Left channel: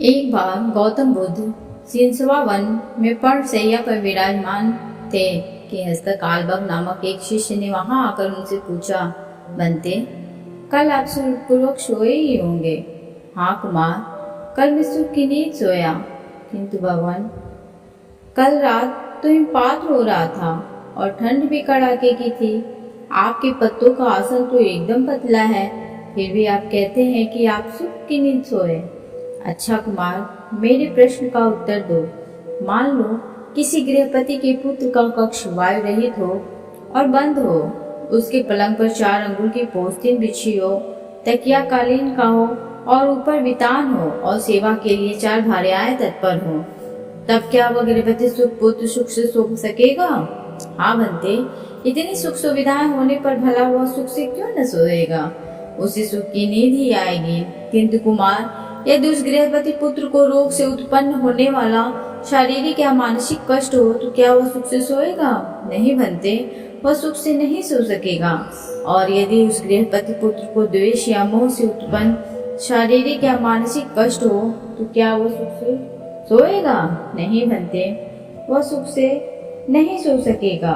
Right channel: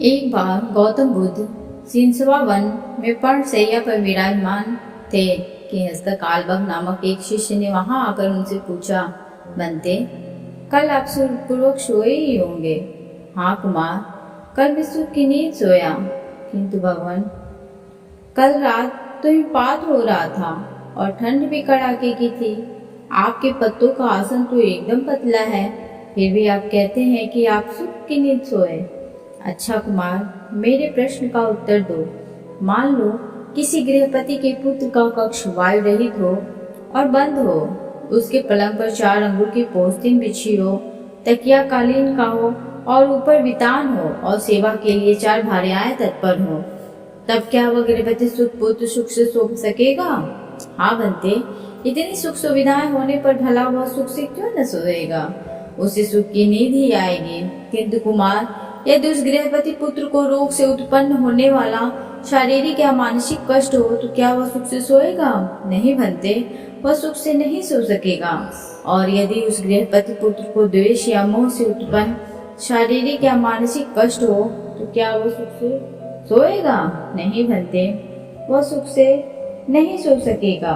एक बार गौतम बुद्ध सिंसवा वन में पर्णशैया पर विराजमान थे कि हस्तकालबग नामक एक शिष्य ने वहां आकर उनसे पूछा, बनते, कल आप सुखपूर्वक सोए ही होंगे। हाँ कुमार, कल मैं सुख की नींद सोया, किंतु भगवान कल रात तो हिमपात हो रहा था और ठंड भी कड़ाके की थी। आपके पत्तों का आसन तो एकदम पतला है, फिर भी आप कहते हैं कि आप सुख की नींद सोए। अच्छा कुमार, मेरे प्रश्न का उत्तर दो। मान लो किसी गृहपति के पुत्र का कक्ष वायु रहित हो और बंद हो, उसके पलंग पर 4 अंगुल की पोस्तीन बिछी हो, तकिया कालीन का हो और ऊपर बितान हो और सेवा के लिए 4 भार्याएं तत्पर हो, तब क्या वह गृहपति पुत्र सुख से सो सकेगा? हाँ बनते, इतनी सुख सुविधाएं होने पर भला वह सुख से क्यों न सोएगा? उसे सुख की नींद ही आएगी। किंतु कुमार, यदि उस गृहपति पुत्र को रोग से उत्पन्न होने वाला शारीरिक या मानसिक कष्ट हो तो क्या वह सुख से सोएगा? नहीं बनते, वह सुख से नहीं सो सकेगा। और यदि उस गृहपति पुत्र को द्वेष या मोह से उत्पन्न शारीरिक या मानसिक कष्ट हो तो क्या वह सुख से सोएगा? नहीं बनते, वह सुख से नहीं सो सकेगा।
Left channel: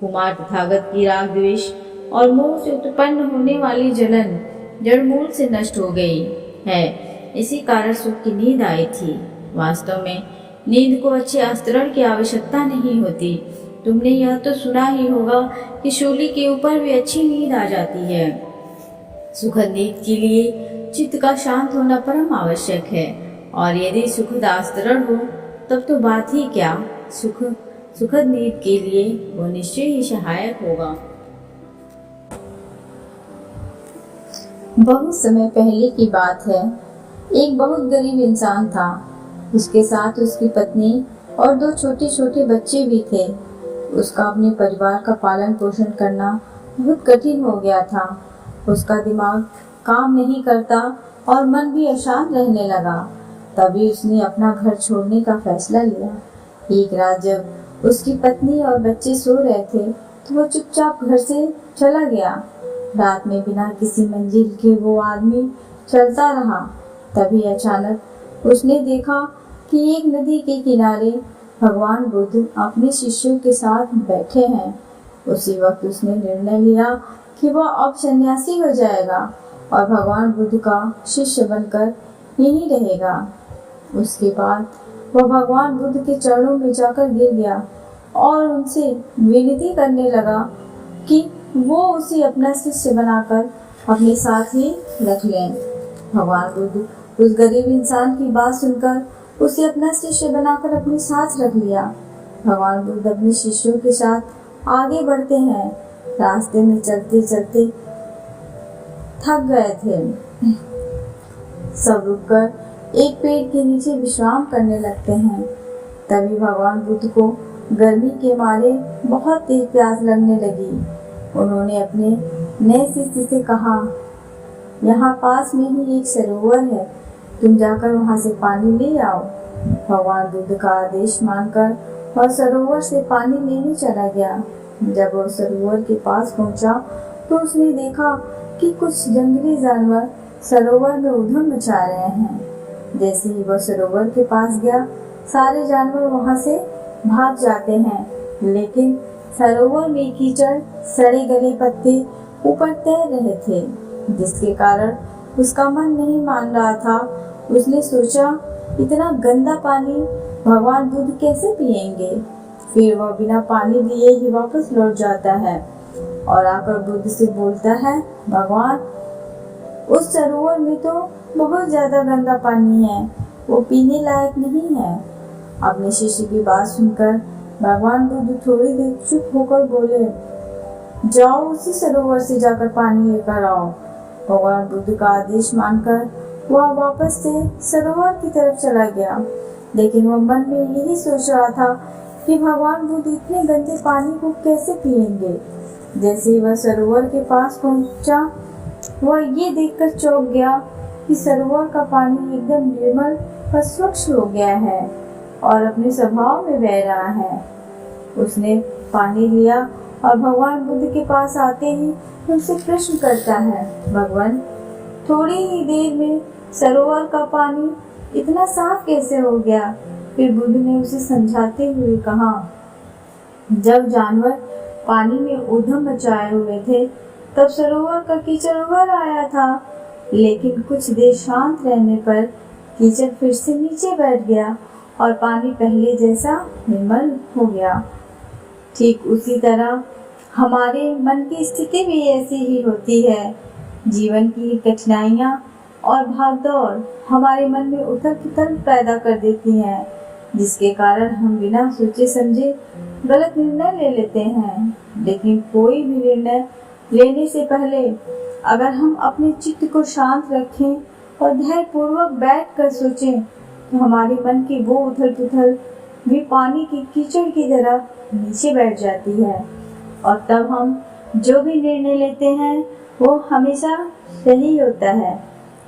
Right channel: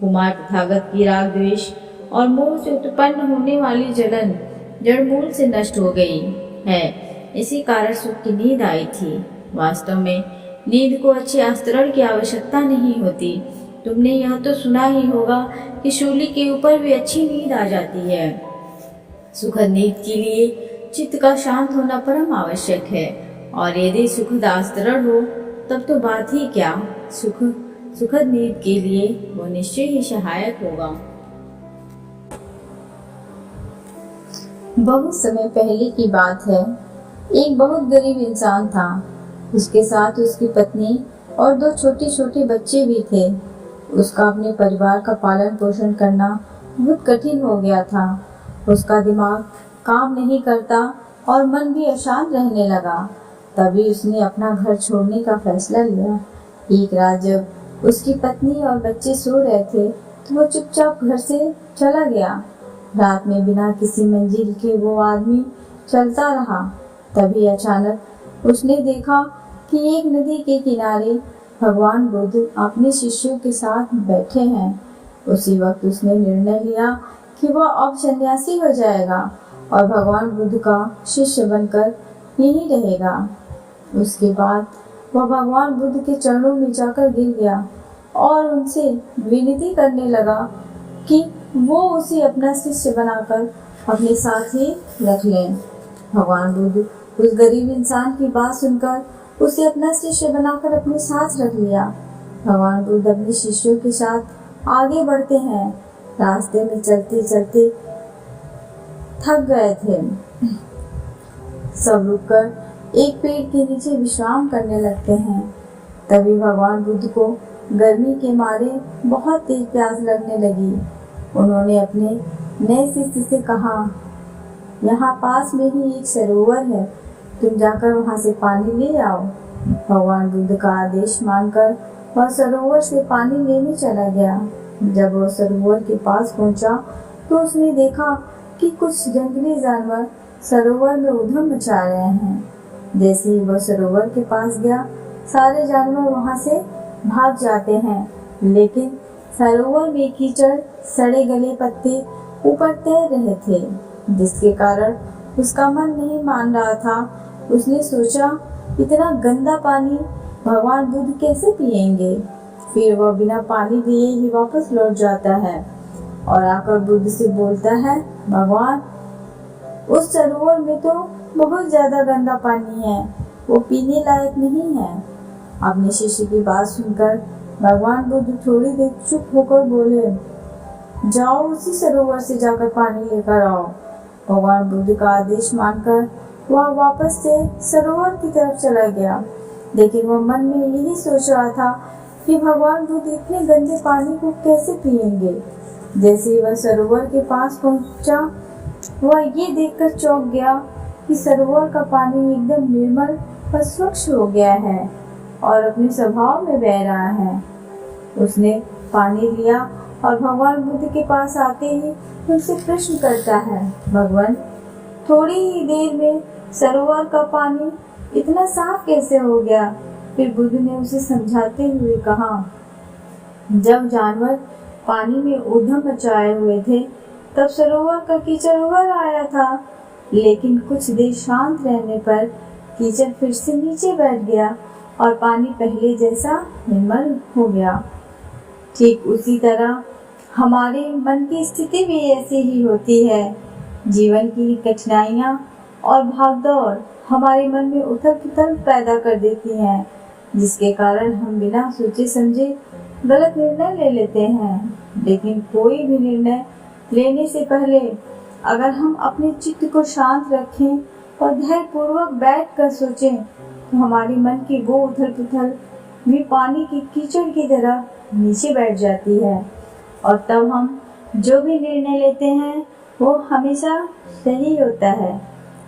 कुमार, तथागत की राग द्वेष और मोह से उत्पन्न होने वाली जलन जड़ मूल से नष्ट हो गई है, इसी कारण सुख की नींद आई थी। वास्तव में नींद को अच्छे आस्तरण की आवश्यकता नहीं होती। तुमने यह तो सुना ही होगा कि शूली के ऊपर भी अच्छी नींद आ जाती है। सुखद नींद के लिए चित्त का शांत होना परम आवश्यक है, और यदि सुखद आस्तरण हो तब तो बात ही क्या, सुखद नींद के लिए वो निश्चय ही सहायक होगा। बहुत समय पहले की बात है। एक बहुत गरीब इंसान था। उसके साथ उसकी पत्नी और 2 छोटे छोटे बच्चे भी थे। उसका अपने परिवार का पालन पोषण करना बहुत कठिन हो गया था। उसका दिमाग काम नहीं करता और मन भी अशांत रहने लगा। तभी उसने अपना घर छोड़ने का फैसला लिया। एक रात जब उसकी पत्नी और बच्चे सो रहे थे तो वो चुपचाप घर से चला गया। रात में बिना किसी मंजिल के वो आदमी चलता रहा। तभी अचानक उसने देखा कि एक नदी के किनारे भगवान बुद्ध अपने शिष्यों के साथ बैठे हैं। उसी वक्त उसने निर्णय लिया कि वह अब सन्यासी हो जाएगा और भगवान बुद्ध का शिष्य बनकर यहीं रहेगा। उसके बाद वह भगवान बुद्ध के चरणों में जाकर गिर गया और उनसे विनती करने लगा कि वो उसे अपना शिष्य बनाकर अपने साथ ही रख लें। भगवान बुद्ध उस गरीब इंसान की बात सुनकर उसे अपना शिष्य बनाकर अपने साथ रख लिया। भगवान बुद्ध अपने शिष्यों के साथ आगे बढ़ते हैं। रास्ते में चलते चलते थक गए थे। सब रुककर एक पेड़ के नीचे विश्राम करने लगते हैं। तभी भगवान बुद्ध को गर्मी के मारे बहुत तेज प्यास लगने लगी। उन्होंने अपने नए शिष्य से कहा, यहाँ पास में ही एक सरोवर है, तुम जाकर वहाँ से पानी ले आओ। भगवान बुद्ध का आदेश मानकर वह सरोवर से पानी लेने चला गया। जब वह सरोवर के पास पहुँचा तो उसने देखा कि कुछ जंगली जानवर सरोवर में उधम मचा रहे हैं। जैसे ही वह सरोवर के पास गया, सारे जानवर वहाँ से भाग जाते हैं, लेकिन सरोवर में कीचड़, सड़े गले पत्ते ऊपर तैर रहे थे, जिसके कारण उसका मन नहीं मान रहा था। उसने सोचा, इतना गंदा पानी भगवान बुद्ध कैसे पिएंगे? फिर वह बिना पानी लिए ही वापस लौट जाता है और आकर बुद्ध से बोलता है, भगवान, उस सरोवर में तो बहुत ज्यादा गंदा पानी है, वो पीने लायक नहीं है। अपने शिष्य की बात सुनकर भगवान बुद्ध थोड़ी देर चुप होकर बोले, जाओ उसी सरोवर से जाकर पानी लेकर आओ। भगवान बुद्ध का आदेश मानकर वह वापस से सरोवर की तरफ चला गया, लेकिन वह मन में यही सोच रहा था कि भगवान बुद्ध इतने गंदे पानी को कैसे पिएंगे। जैसे ही वह सरोवर के पास पहुंचा, वह ये देखकर चौंक गया कि सरोवर का पानी एकदम निर्मल और स्वच्छ हो गया है और अपने स्वभाव में बह रहा है। उसने पानी लिया और भगवान बुद्ध के पास आते ही उनसे प्रश्न करता है, भगवान, थोड़ी ही देर में सरोवर का पानी इतना साफ कैसे हो गया? फिर बुद्ध ने उसे समझाते हुए कहा, जब जानवर पानी में ऊधम मचाए हुए थे तब सरोवर का कीचड़ उभर आया था, लेकिन कुछ देर शांत रहने पर कीचड़ फिर से नीचे बैठ गया और पानी पहले जैसा निर्मल हो गया। ठीक उसी तरह हमारे मन की स्थिति भी ऐसी ही होती है। जीवन की कठिनाइयाँ और भागदौड़ हमारे मन में उथल पुथल पैदा कर देती हैं, जिसके कारण हम बिना सोचे समझे गलत निर्णय ले लेते हैं। लेकिन कोई भी निर्णय लेने से पहले अगर हम अपने चित्त को शांत रखें और धैर्यपूर्वक बैठकर सोचें तो हमारे मन की वो उथल पुथल भी पानी की कीचड़ की तरह नीचे बैठ जाती है और तब हम जो भी निर्णय लेते हैं वो हमेशा सही होता है।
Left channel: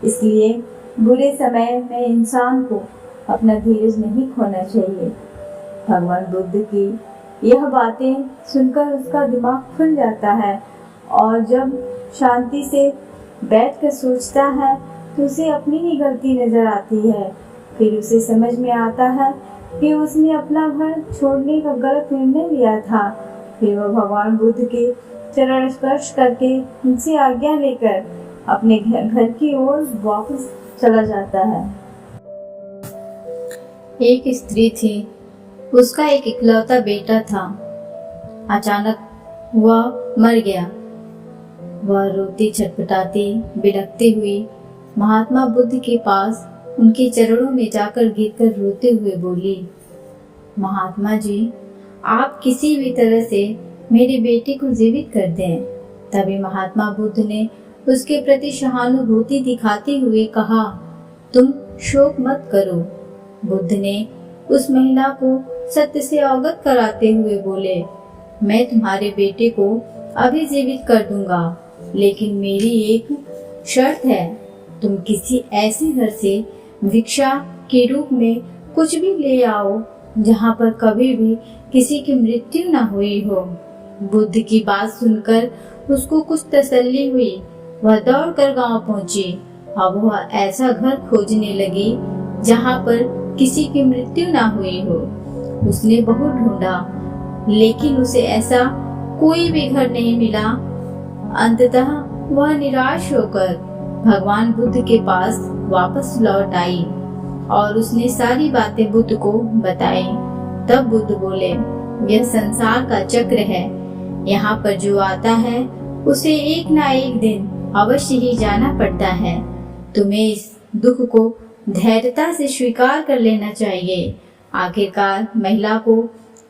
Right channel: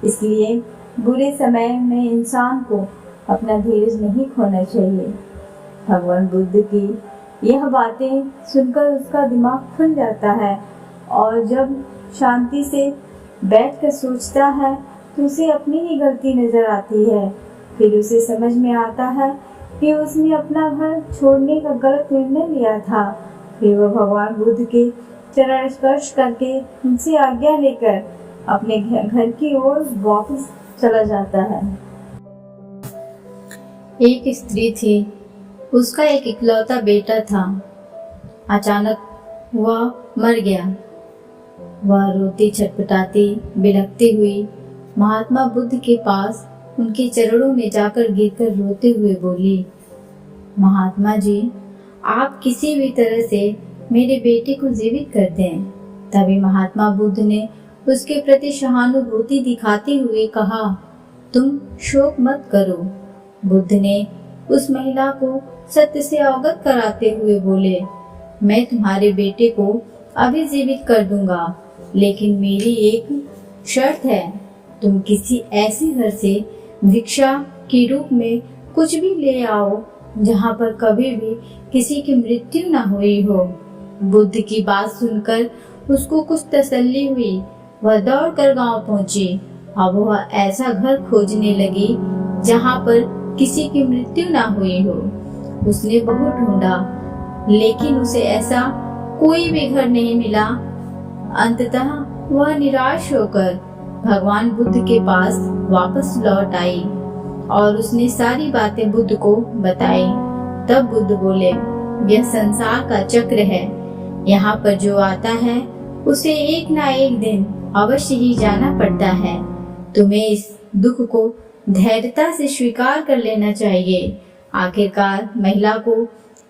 इसलिए बुरे समय में इंसान को अपना धीरज नहीं खोना चाहिए। भगवान बुद्ध की यह बातें सुनकर उसका दिमाग खुल जाता है और जब शांति से बैठकर सोचता है तो उसे अपनी ही गलती नजर आती है। फिर उसे समझ में आता है कि उसने अपना घर छोड़ने का गलत निर्णय लिया था। फिर वह भगवान बुद्ध के चरण स्पर्श करके उनसे आज्ञा लेकर अपने घर की ओर वापस चला जाता है। एक स्त्री थी, उसका एक इकलौता बेटा था। अचानक वह मर गया। वह रोती छटपटाती बिलखती हुई महात्मा बुद्ध के पास उनके चरणों में जाकर गिरकर रोते हुए बोली, महात्मा जी, आप किसी भी तरह से मेरे बेटे को जीवित कर दें। तभी महात्मा बुद्ध ने उसके प्रति सहानुभूति दिखाते हुए कहा, तुम शोक मत करो। बुद्ध ने उस महिला को सत्य से अवगत कराते हुए बोले, मैं तुम्हारे बेटे को अभी जीवित कर दूंगा, लेकिन मेरी एक शर्त है, तुम किसी ऐसे घर से भिक्षा के रूप में कुछ भी ले आओ जहाँ पर कभी भी किसी की मृत्यु न हुई हो। बुद्ध की बात सुनकर उसको कुछ तसल्ली हुई। वह दौड़कर गांव पहुंची। अब वह ऐसा घर खोजने लगी जहाँ पर किसी की मृत्यु न हुई हो। उसने बहुत ढूंढा, लेकिन उसे ऐसा कोई भी घर नहीं मिला। अंततः वह निराश होकर भगवान बुद्ध के पास वापस लौट आई और उसने सारी बातें बुद्ध को बताई। तब बुद्ध बोले, यह संसार का चक्र है, यहाँ पर जो आता है उसे एक ना एक दिन अवश्य ही जाना पड़ता है। तुम्हें इस दुख को धैर्यता से स्वीकार कर लेना चाहिए। आखिरकार महिला को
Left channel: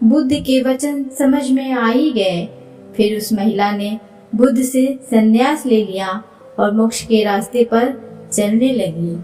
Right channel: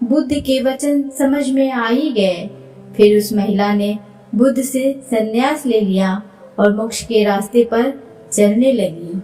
बुद्ध के वचन समझ में आ ही गए। फिर उस महिला ने बुद्ध से संन्यास ले लिया और मोक्ष के रास्ते पर चलने लगी।